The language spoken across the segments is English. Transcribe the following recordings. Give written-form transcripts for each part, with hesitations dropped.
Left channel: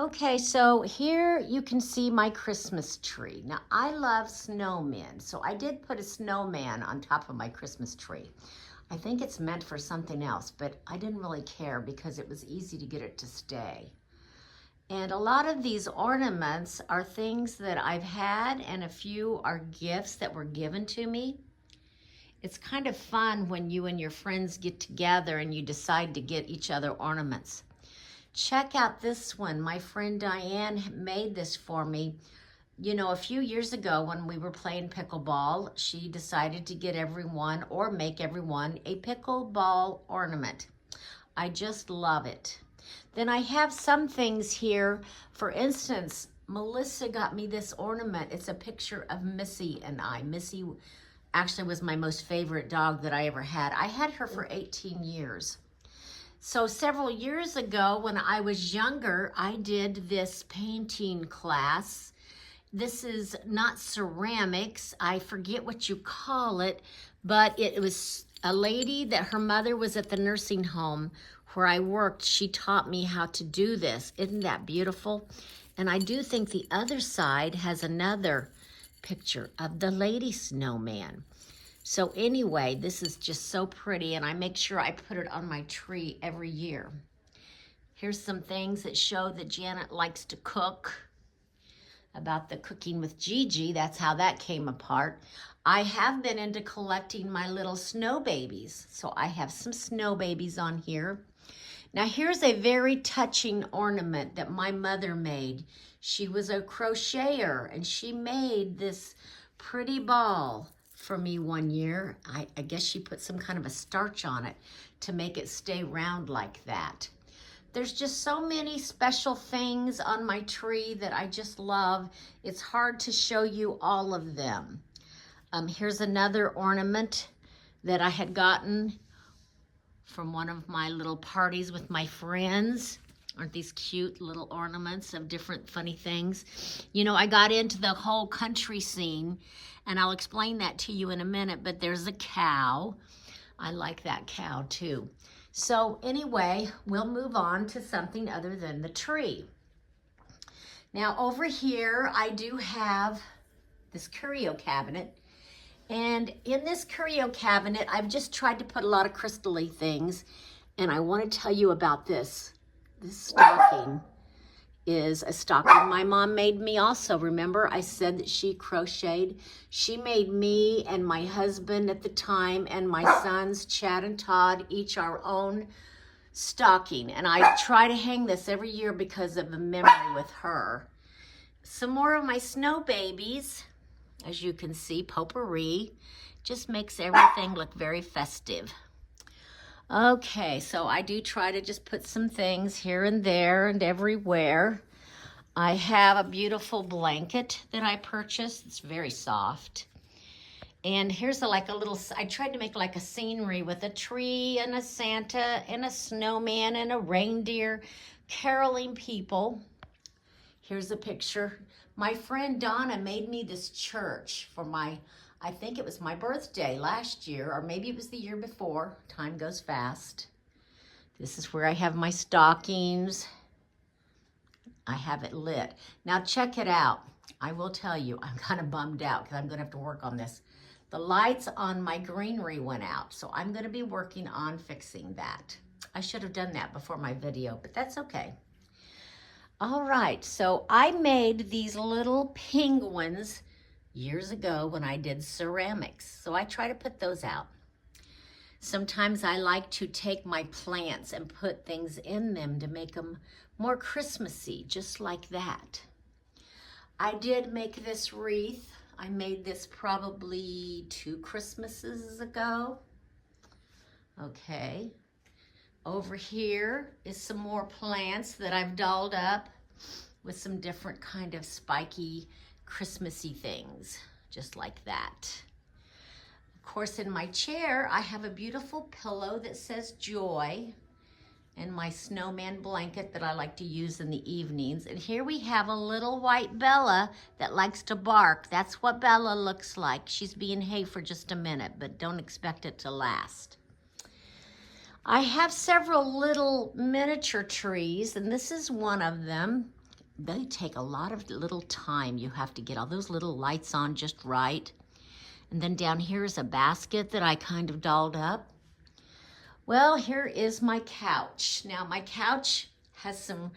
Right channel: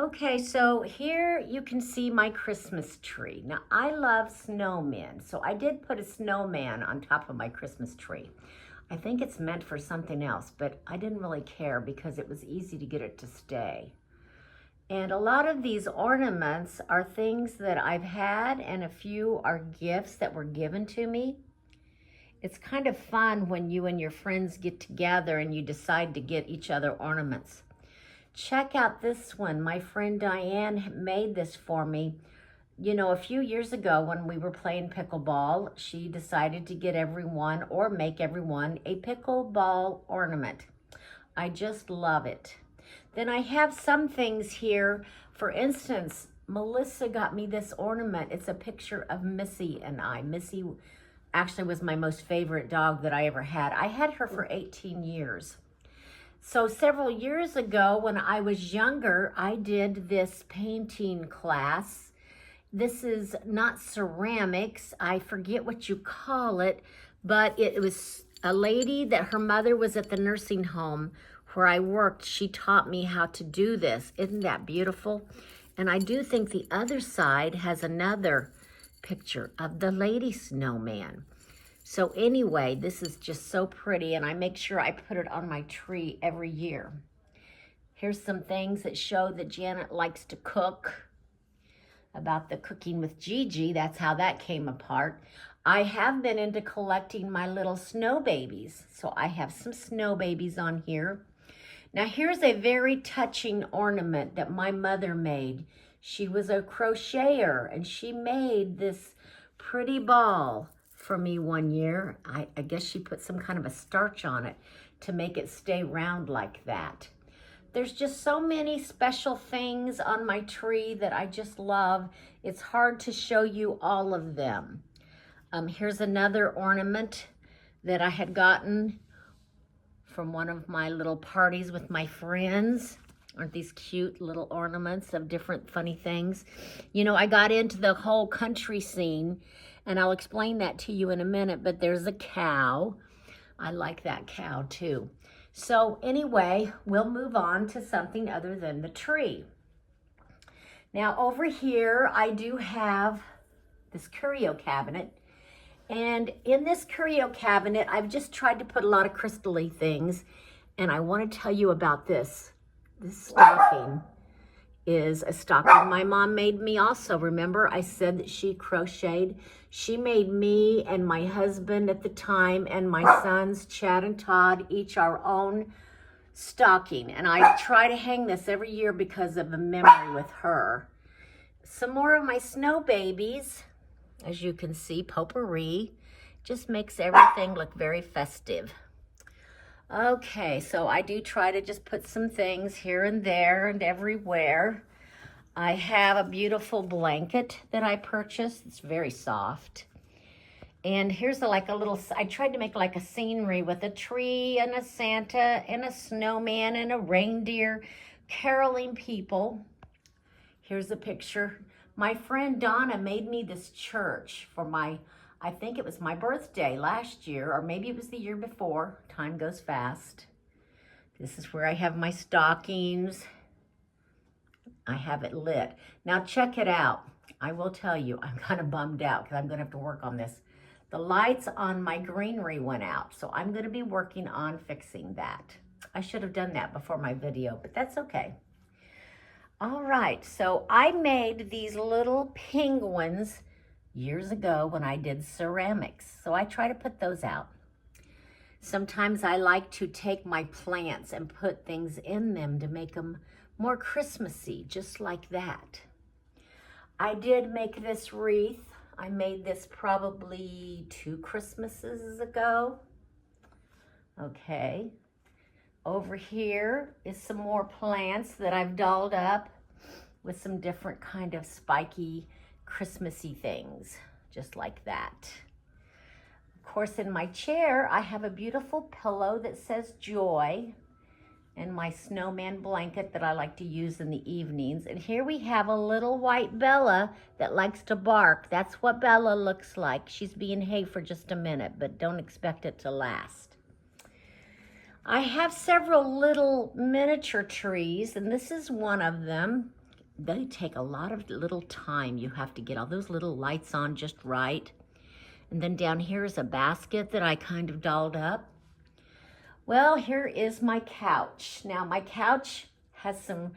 Okay, so here you can see my Christmas tree. Now, I love snowmen, so I did put a snowman on top of my Christmas tree. I think it's meant for something else, but I didn't really care because it was easy to get it to stay. And a lot of these ornaments are things that I've had, and a few are gifts that were given to me. It's kind of fun when you and your friends get together and you decide to get each other ornaments. Check out this one. My friend Diane made this for me. You know, a few years ago when we were playing pickleball, she decided to get everyone or make everyone a pickleball ornament. I just love it. Then I have some things here. For instance, Melissa got me this ornament. It's a picture of Missy and I. Missy actually was my most favorite dog that I ever had. I had her for 18 years. So several years ago when I was younger, I did this painting class. This is not ceramics. I forget what you call it, but it was a lady that her mother was at the nursing home where I worked. She taught me how to do this. Isn't that beautiful? And I do think the other side has another picture of the lady snowman. So anyway, this is just so pretty, and I make sure I put it on my tree every year. Here's some things that show that Janet likes to cook. About the cooking with Gigi, that's how that came apart. I have been into collecting my little snow babies. So I have some snow babies on here. Now here's a very touching ornament that my mother made. She was a crocheter, and she made this pretty ball for me one year. I guess she put some kind of a starch on it to make it stay round like that. There's just so many special things on my tree that I just love. It's hard to show you all of them. Here's another ornament that I had gotten from one of my little parties with my friends. Aren't these cute little ornaments of different funny things? You know, I got into the whole country scene, and I'll explain that to you in a minute, but there's a cow. I like that cow too. So anyway, we'll move on to something other than the tree. Now over here, I do have this curio cabinet. And in this curio cabinet, I've just tried to put a lot of crystal-y things. And I want to tell you about this. This stocking is a stocking my mom made me also. Remember, I said that she crocheted. She made me and my husband at the time and my sons, Chad and Todd, each our own stocking. And I try to hang this every year because of the memory with her. Some more of my snow babies. As you can see, potpourri just makes everything look very festive. Okay, so I do try to just put some things here and there and everywhere. I have a beautiful blanket that I purchased. It's very soft. And here's like a little, I tried to make like a scenery with a tree and a Santa and a snowman and a reindeer caroling people. Here's a picture. My friend Donna made me this church for my, I think it was my birthday last year, or maybe it was the year before. Time goes fast. This is where I have my stockings. I have it lit. Now check it out. I will tell you, I'm kind of bummed out because I'm going to have to work on this. The lights on my greenery went out, so I'm going to be working on fixing that. I should have done that before my video, but that's okay. All right, so I made these little penguins years ago when I did ceramics. So I try to put those out. Sometimes I like to take my plants and put things in them to make them more Christmassy, just like that. I did make this wreath. I made this probably 2 Christmases ago. Okay. Over here is some more plants that I've dolled up with some different kind of spiky Christmassy things, just like that. Of course, in my chair, I have a beautiful pillow that says joy and my snowman blanket that I like to use in the evenings. And here we have a little white Bella that likes to bark. That's what Bella looks like. She's being hay for just a minute, but don't expect it to last. I have several little miniature trees, and this is one of them. they take a lot of little time. You have to get all those little lights on just right. And then down here is a basket that I kind of dolled up. Well, here is my couch. Now my couch has some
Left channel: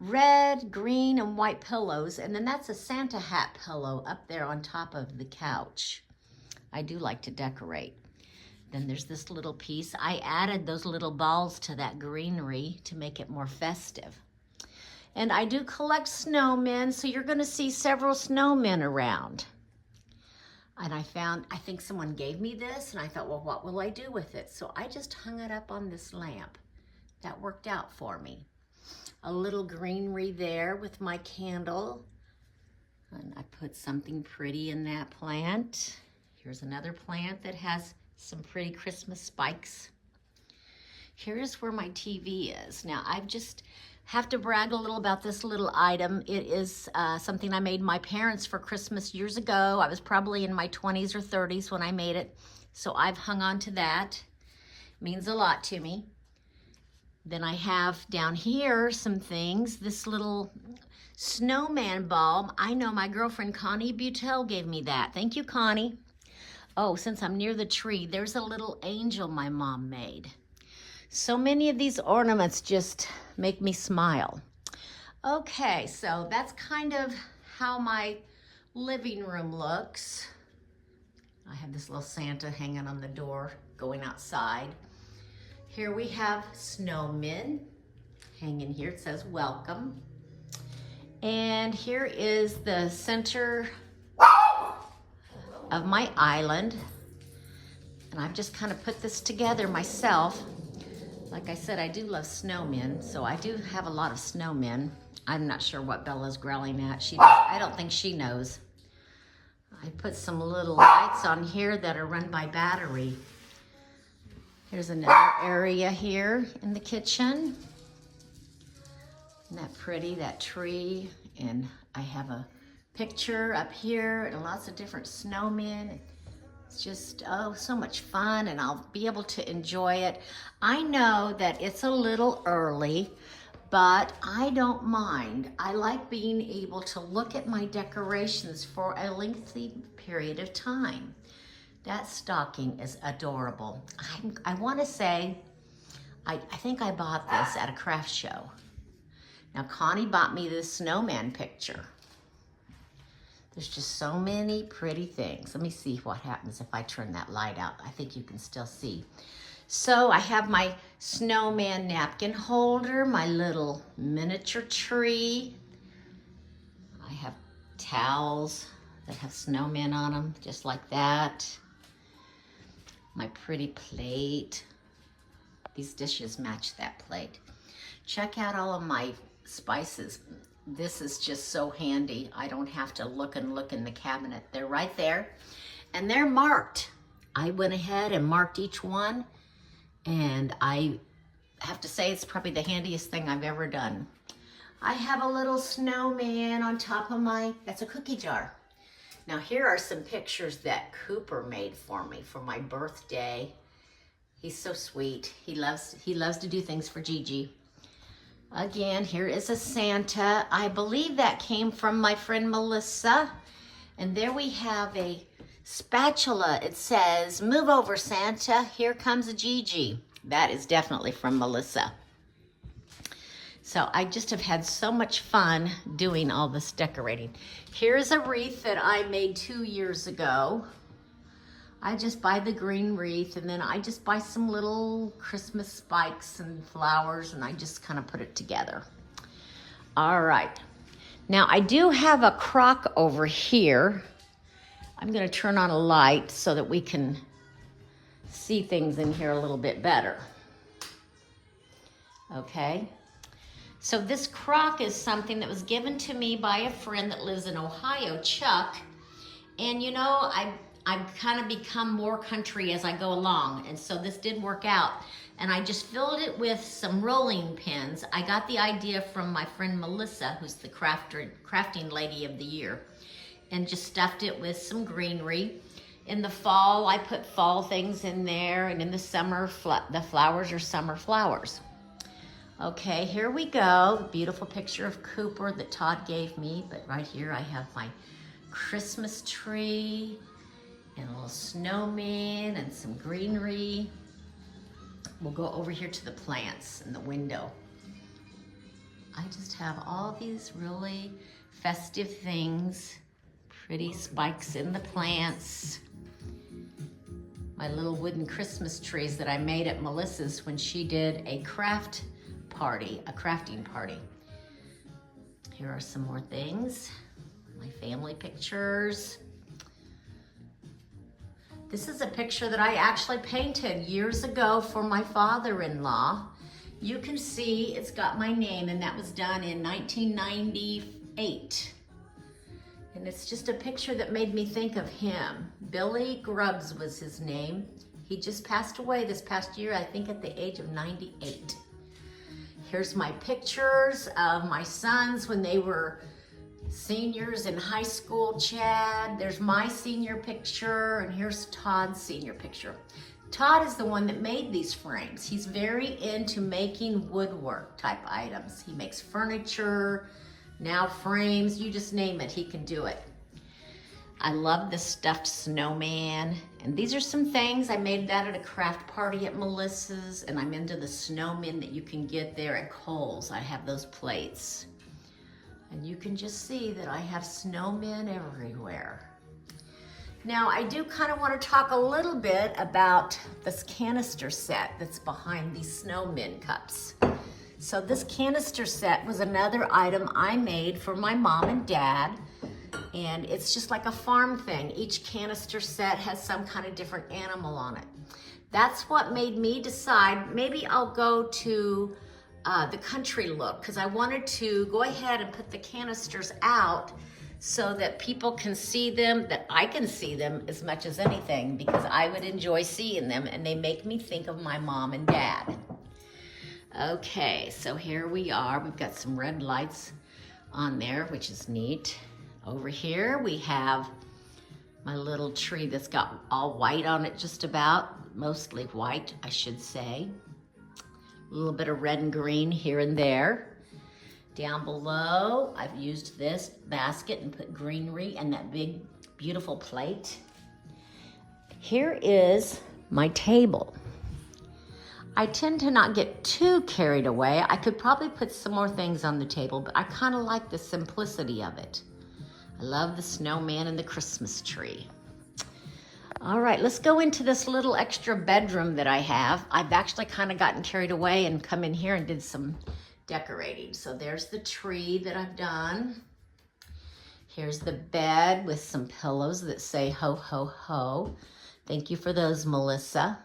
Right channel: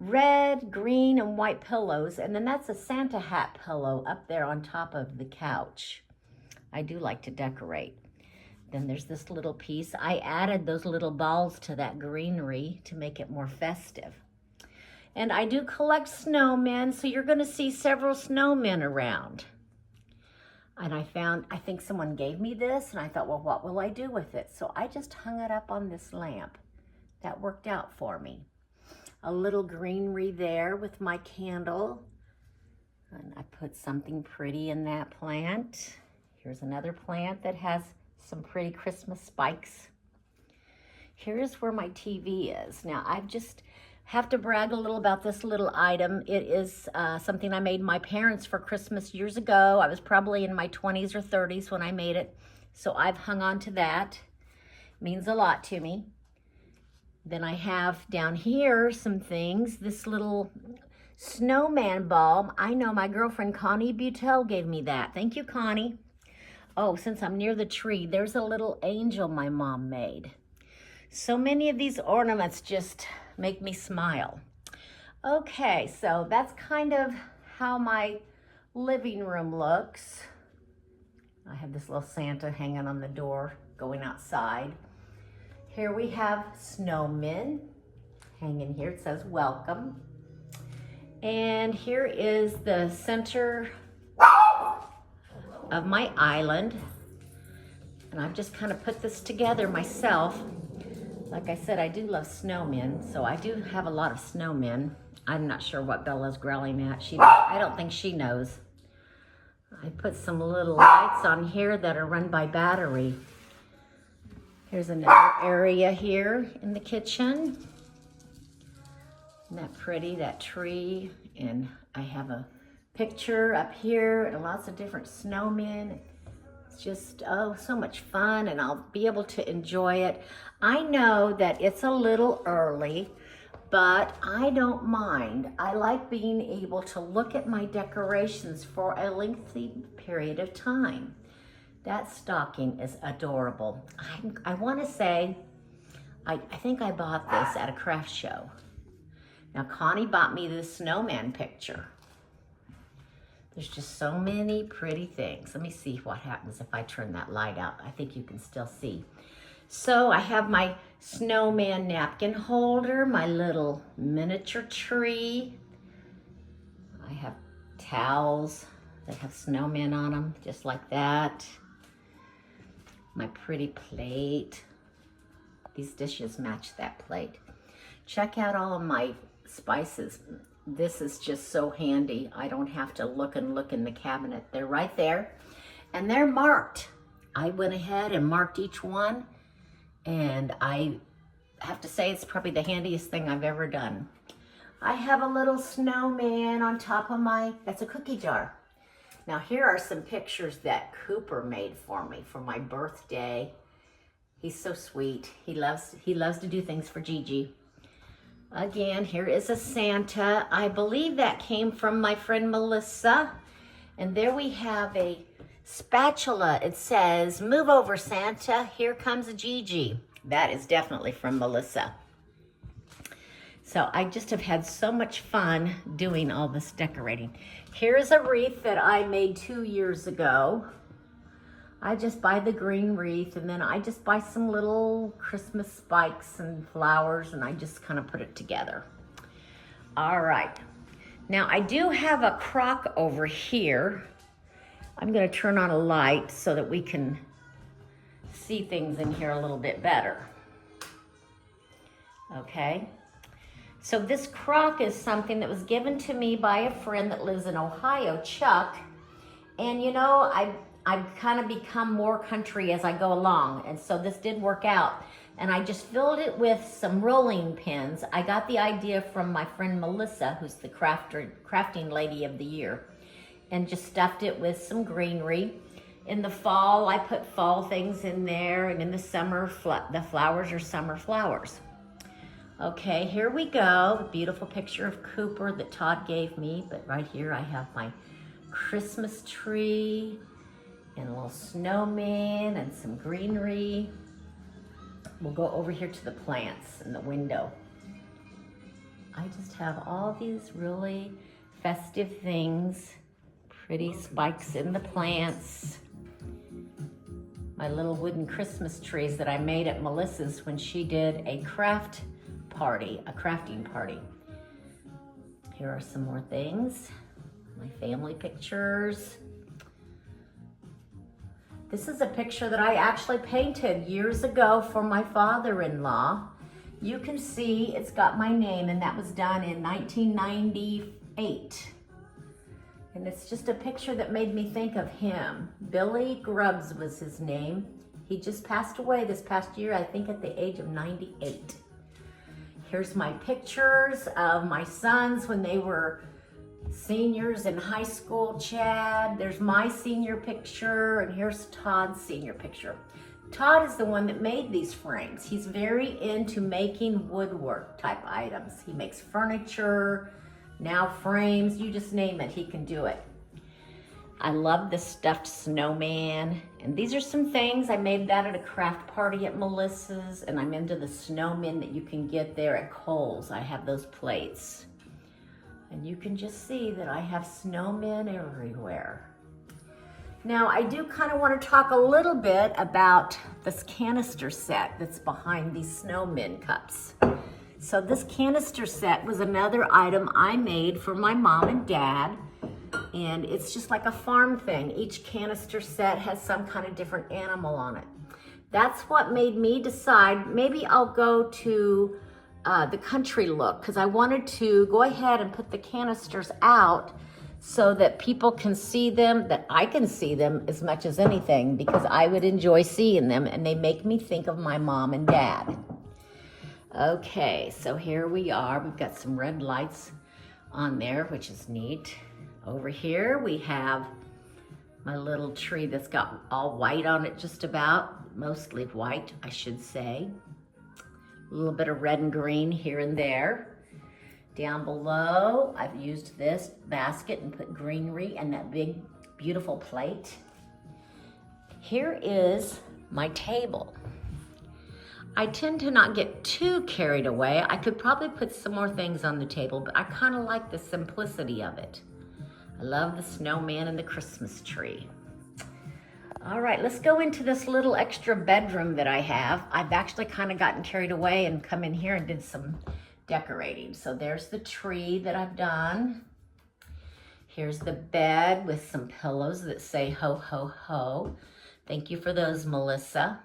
red, green, and white pillows, and then that's a Santa hat pillow up there on top of the couch. I do like to decorate. Then there's this little piece. I added those little balls to that greenery to make it more festive. And I do collect snowmen, so you're gonna see several snowmen around. And I think someone gave me this, and I thought, well, what will I do with it? So I just hung it up on this lamp. That worked out for me. A little greenery there with my candle. And I put something pretty in that plant. Here's another plant that has some pretty Christmas spikes. Here's where my TV is. Now, I just have to brag a little about this little item. It is something I made my parents for Christmas years ago. I was probably in my 20s or 30s when I made it. So I've hung on to that. It means a lot to me. Then I have down here some things. This little snowman bulb. I know my girlfriend Connie Butel gave me that. Thank you, Connie. Oh, since I'm near the tree, there's a little angel my mom made. So many of these ornaments just make me smile. Okay, so that's kind of how my living room looks. I have this little Santa hanging on the door, going outside. Here we have snowmen hanging here. It says welcome. And here is the center of my island. And I've just kind of put this together myself. Like I said, I do love snowmen, so I do have a lot of snowmen. I'm not sure what Bella's growling at. I don't think she knows. I put some little lights on here that are run by battery. Here's another area here in the kitchen. Isn't that pretty, that tree? And I have a picture up here and lots of different snowmen. It's just, oh, so much fun, and I'll be able to enjoy it. I know that it's a little early, but I don't mind. I like being able to look at my decorations for a lengthy period of time. That stocking is adorable. I want to say, I think I bought this at a craft show. Now, Connie bought me this snowman picture. There's just so many pretty things. Let me see what happens if I turn that light out. I think you can still see. So I have my snowman napkin holder, my little miniature tree. I have towels that have snowmen on them, just like that. My pretty plate. These dishes match that plate. Check out all of my spices. This is just so handy. I don't have to look and look in the cabinet. They're right there, and they're marked. I went ahead and marked each one, and I have to say it's probably the handiest thing I've ever done. I have a little snowman on top of that's a cookie jar. Now here are some pictures that Cooper made for me for my birthday. He's so sweet. He loves to do things for Gigi. Again, here is a Santa. I believe that came from my friend Melissa. And there we have a spatula. It says, "Move over, Santa. Here comes a Gigi." That is definitely from Melissa. So I just have had so much fun doing all this decorating. Here's a wreath that I made 2 years ago. I just buy the green wreath, and then I just buy some little Christmas spikes and flowers, and I just kind of put it together. All right. Now I do have a crock over here. I'm gonna turn on a light so that we can see things in here a little bit better. Okay. So this crock is something that was given to me by a friend that lives in Ohio, Chuck. And you know, I've kind of become more country as I go along. And so this did work out. And I just filled it with some rolling pins. I got the idea from my friend Melissa, who's the crafting lady of the year, and just stuffed it with some greenery. In the fall, I put fall things in there, and in the summer, the flowers are summer flowers. Okay, here we go. The beautiful picture of Cooper that Todd gave me. But right here I have my Christmas tree and a little snowman and some greenery. We'll go over here to the plants in the window. I just have all these really festive things. Pretty spikes in the plants. My little wooden Christmas trees that I made at Melissa's when she did a crafting party. Here are some more things. My family pictures. This is a picture that I actually painted years ago for my father-in-law. You can see it's got my name, and that was done in 1998. And it's just a picture that made me think of him. Billy Grubbs was his name. He just passed away this past year, I think at the age of 98. Here's my pictures of my sons when they were seniors in high school, Chad. There's my senior picture, and here's Todd's senior picture. Todd is the one that made these frames. He's very into making woodwork type items. He makes furniture, now frames, you just name it, he can do it. I love the stuffed snowman. And these are some things, I made that at a craft party at Melissa's, and I'm into the snowmen that you can get there at Kohl's. I have those plates. And you can just see that I have snowmen everywhere. Now, I do kind of want to talk a little bit about this canister set that's behind these snowmen cups. So this canister set was another item I made for my mom and dad. And it's just like a farm thing. Each canister set has some kind of different animal on it. That's what made me decide maybe I'll go to the country look, because I wanted to go ahead and put the canisters out so that people can see them, that I can see them as much as anything, because I would enjoy seeing them, and they make me think of my mom and dad. Okay, so here we are. We've got some red lights on there, which is neat. Over here we have my little tree that's got all white on it, just about, mostly white, I should say. A little bit of red and green here and there. Down below, I've used this basket and put greenery and that big, beautiful plate. Here is my table. I tend to not get too carried away. I could probably put some more things on the table, but I kind of like the simplicity of it. I love the snowman and the Christmas tree. All right, let's go into this little extra bedroom that I have. I've actually kind of gotten carried away and come in here and did some decorating. So there's the tree that I've done. Here's the bed with some pillows that say ho, ho, ho. Thank you for those, Melissa.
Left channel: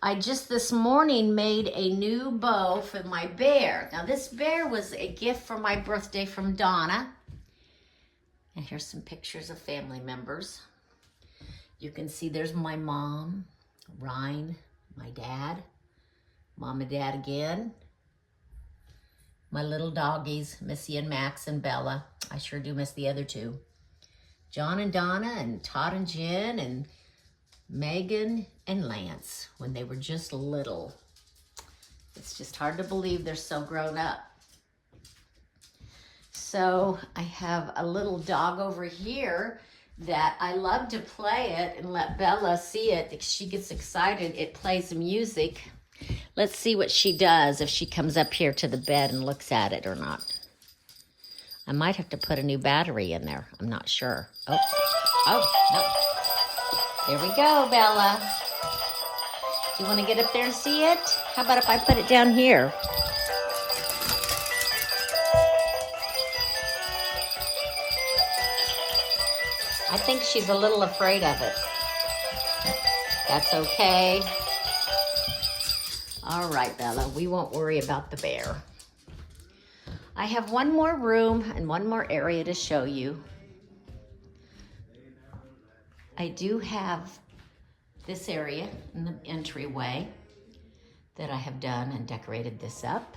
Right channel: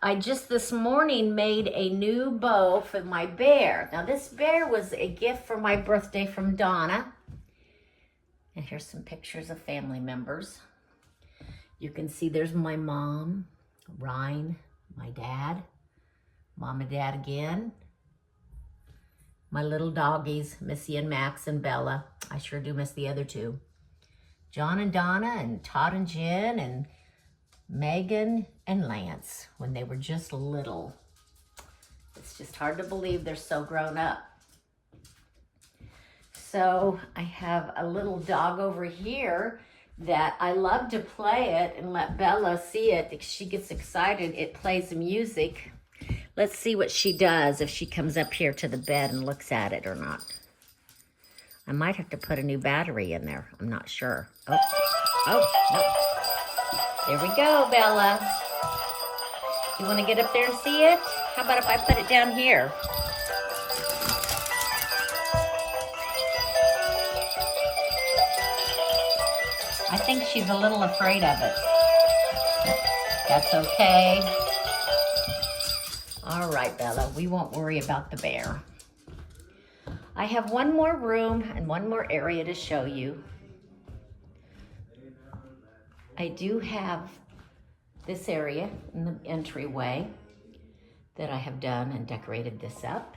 I just this morning made a new bow for my bear. Now this bear was a gift for my birthday from Donna. And here's some pictures of family members. You can see there's my mom, Ryan, my dad, mom and dad again. My little doggies, Missy and Max and Bella. I sure do miss the other two. John and Donna and Todd and Jen and Megan and Lance when they were just little. It's just hard to believe they're so grown up. So I have a little dog over here that I love to play it and let Bella see it. If she gets excited, it plays music. Let's see what she does if she comes up here to the bed and looks at it or not. I might have to put a new battery in there. I'm not sure. Oh, no. Here we go, Bella. You want to get up there and see it? How about if I put it down here? I think she's a little afraid of it. That's okay. All right, Bella, we won't worry about the bear. I have one more room and one more area to show you. I do have this area in the entryway that I have done and decorated this up.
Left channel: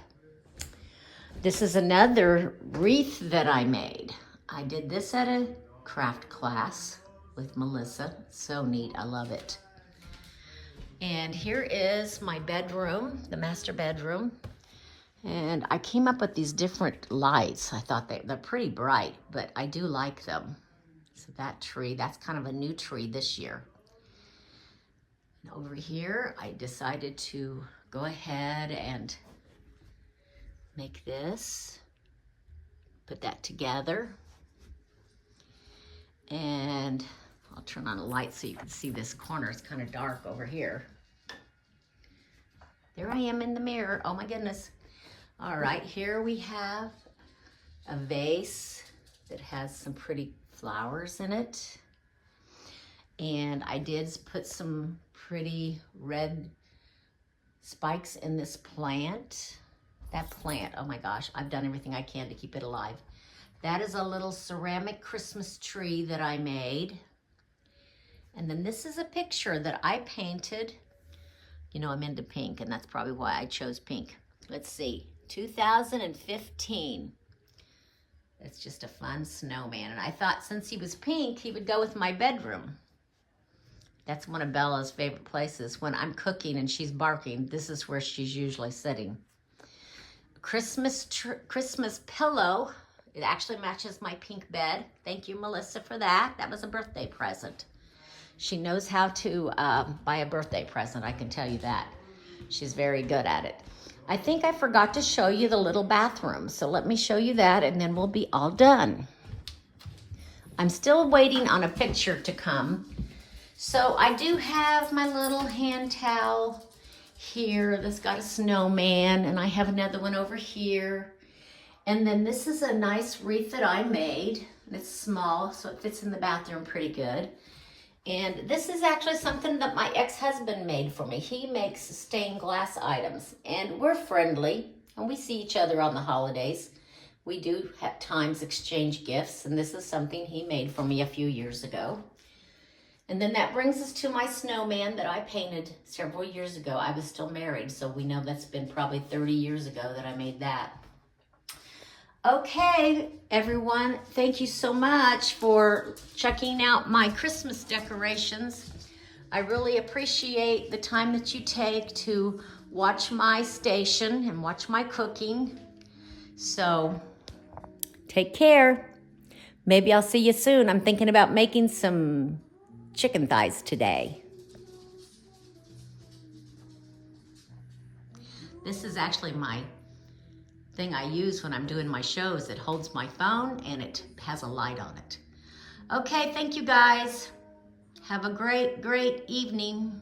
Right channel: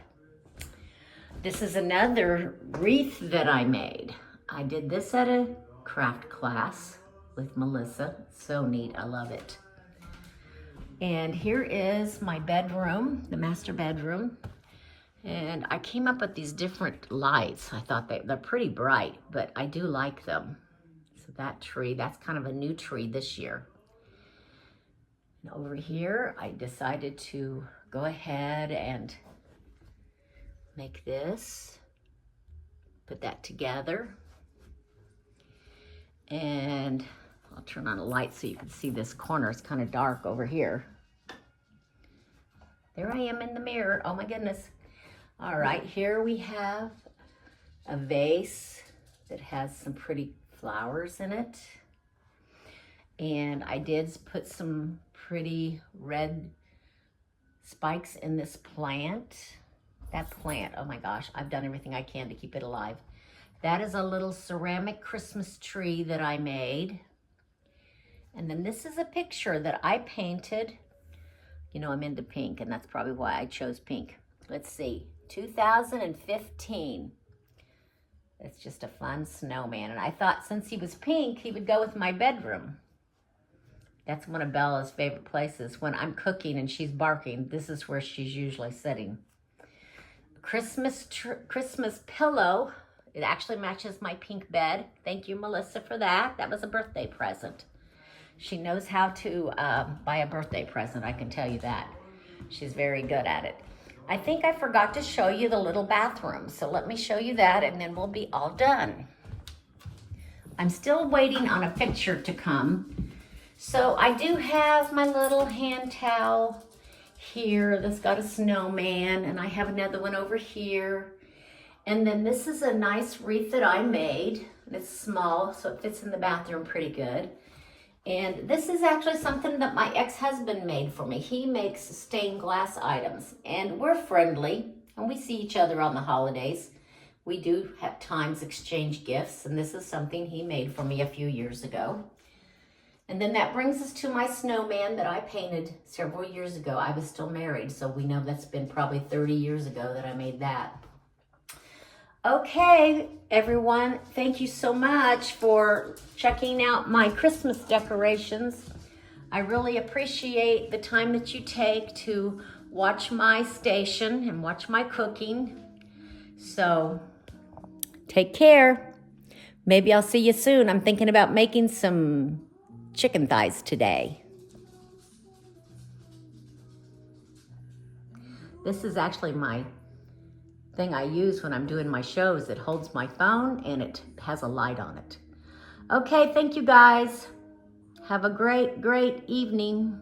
This is another wreath that I made. I did this at a craft class with Melissa. So neat, I love it. And here is my bedroom, the master bedroom. And I came up with these different lights. I thought they're pretty bright, but I do like them. So that tree, that's kind of a new tree this year. And over here, I decided to go ahead and make this, put that together. And I'll turn on a light so you can see this corner. It's kind of dark over here. There I am in the mirror. Oh my goodness. All right, here we have a vase that has some pretty flowers in it. And I did put some pretty red spikes in this plant. That plant, oh my gosh, I've done everything I can to keep it alive. That is a little ceramic Christmas tree that I made. And then this is a picture that I painted. You know, I'm into pink, and that's probably why I chose pink. Let's see, 2015. It's just a fun snowman. And I thought since he was pink, he would go with my bedroom. That's one of Bella's favorite places. When I'm cooking and she's barking, this is where she's usually sitting. Christmas pillow. It actually matches my pink bed. Thank you, Melissa, for that. That was a birthday present. She knows how to buy a birthday present, I can tell you that. She's very good at it. I think I forgot to show you the little bathroom, so let me show you that and then we'll be all done. I'm still waiting on a picture to come. So I do have my little hand towel here that's got a snowman, and I have another one over here. And then this is a nice wreath that I made. It's small, so it fits in the bathroom pretty good. And this is actually something that my ex-husband made for me. He makes stained glass items, and we're friendly, and we see each other on the holidays. We do at times exchange gifts, and this is something he made for me a few years ago. And then that brings us to my snowman that I painted several years ago. I was still married, so we know that's been probably 30 years ago that I made that. Okay, everyone, thank you so much for checking out my Christmas decorations. I really appreciate the time that you take to watch my station and watch my cooking. So, take care. Maybe I'll see you soon. I'm thinking about making some chicken thighs today. This is actually my thing I use when I'm doing my shows. It holds my phone and it has a light on it. Okay, thank you guys. Have a great, great evening.